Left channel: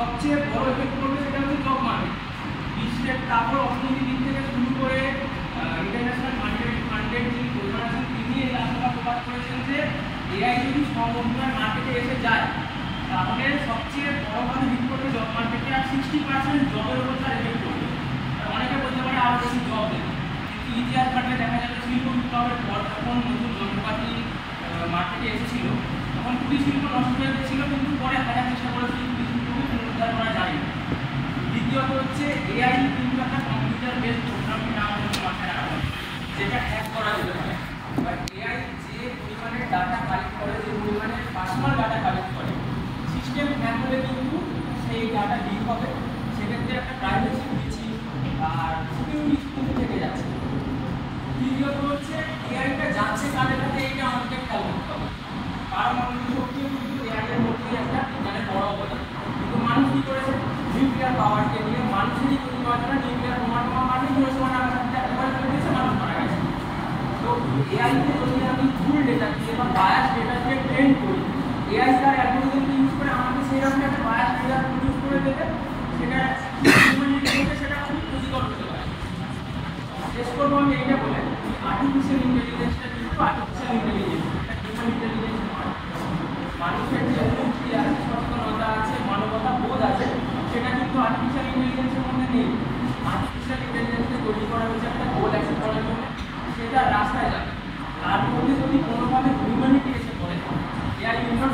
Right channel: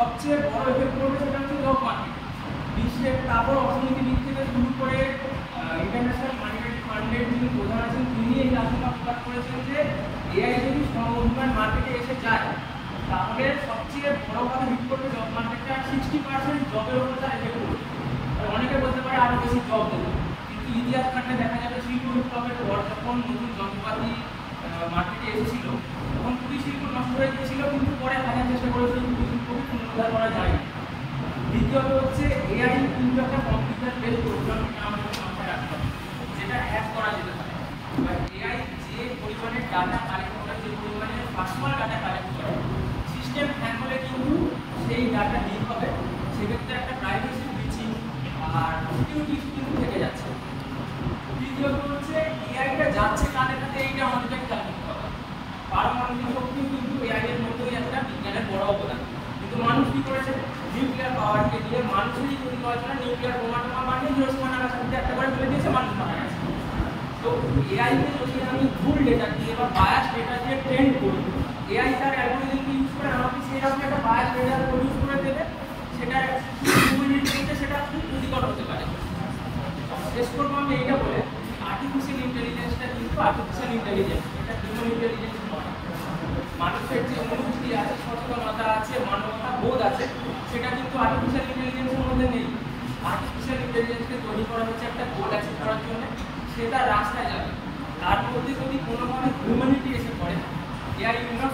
সবচেয়ে বড় এফেক্ট করবে সেটা হচ্ছে জব মার্কেট। বিশ্বের তারপর অর্থনীতির দিক থেকে শুরু করে ইন্টারন্যাশনাল মনিটারি ফান্ডের যিনি প্রধান আছেন তিনি এই আশঙ্কা প্রকাশ করেছেন যে এআই যদি সমপরিমাণ মার্কেটে এসে যায় তাহলে সবচেয়ে বড়ভাবে হিট করবে জব মার্কেটে, আর 60% জবের উপর তার এফেক্ট করবে। অনেকে বলতে পারে আরও বেশি জব দেবে, কিন্তু ইতিহাস ঘাটলে দেখা যাবে শিল্প বিপ্লবের পর যখন নতুন যন্ত্রপাতি মার্কেটে এসেছিল তখন কুটির শিল্প নষ্ট হয়ে গিয়েছিল, কিন্তু পরে হাজার চেষ্টা করেছে কুটির শিল্পকে পুনরুদ্ধার করা যায়। দ্বিতীয়ত হচ্ছে এআই কিন্তু একটা কম্পিউটার বেস প্রোগ্রামিং নাম হচ্ছে মাথায় রাখতে হবে, যেটা হ্যাক করা যেতে পারে। এবার এআই যে পরিমাণে ডাটা কালেক্ট করে, যে পরিমাণে পার্সোনাল ডাটা কালেক্ট করে, সিস্টেম হ্যাক হলে কিন্তু সেই ডাটা লিক হবে, সেক্ষেত্রে একটা প্রাইভেসি দিচ্ছি আর সিকিউরিটি কিন্তু থেকে যাচ্ছে। তৃতীয়ত হচ্ছে এআইটা যাচ্ছে কানে কানে, এইটা আমাদেরকে খেয়াল করতে হবে। পারমাণবিক শক্তিও কিন্তু এআইয়ের মধ্যেই একটা বিজ্ঞানের বড় অবদান, কিন্তু মানুষ কী করেছে নিউক্লিয়ার পাওয়ারকে নিয়ে মানুষেরই তৈরি করার জন্য নিউক্লিয়ার বোমা টোমা মারলে হিরোশিমা নাগাসাকিতে একটা করে ফেলে দিয়েছে, মানুষ মারা গেছে। তো এআইকে যদি আমি ভুল ডেটা দিয়ে বা বায়াস ডেটা দিয়ে ট্রেন করি, এআই তার অ্যালগরিদমকে ইউজ করে আমাকে সেইরকম একটা বায়াস ডেটা প্রডিউস করে দেবে, সেটা সেটা খুব ক্ষতিকর হতে পারে। শেষ করবো আমি এইটা বলে, আর্টিফিশিয়াল ইন্টেলিজেন্সটা কিন্তু আর্টিফিশিয়াল ইন্টেলিজেন্স, এটা হিউম্যান ইন্টেলিজেন্স নয়। মানুষের যে অনুভূতি আছে, সচেতনতা আছে, মানবতা বোধ আছে, সেটা কিন্তু আর্টিফিশিয়াল ইন্টেলিজেন্সের মধ্যে নেই। আর্টিফিশিয়াল ইন্টেলিজেন্সকে তৈরি করা হচ্ছে একটা গোল অ্যাচিভ করার জন্য, সেটা রাস্তায় যাবে। তার মধ্যে যদি কোনোভাবে হিউম্যানিটি এসে পড়ে, এআই উইল নট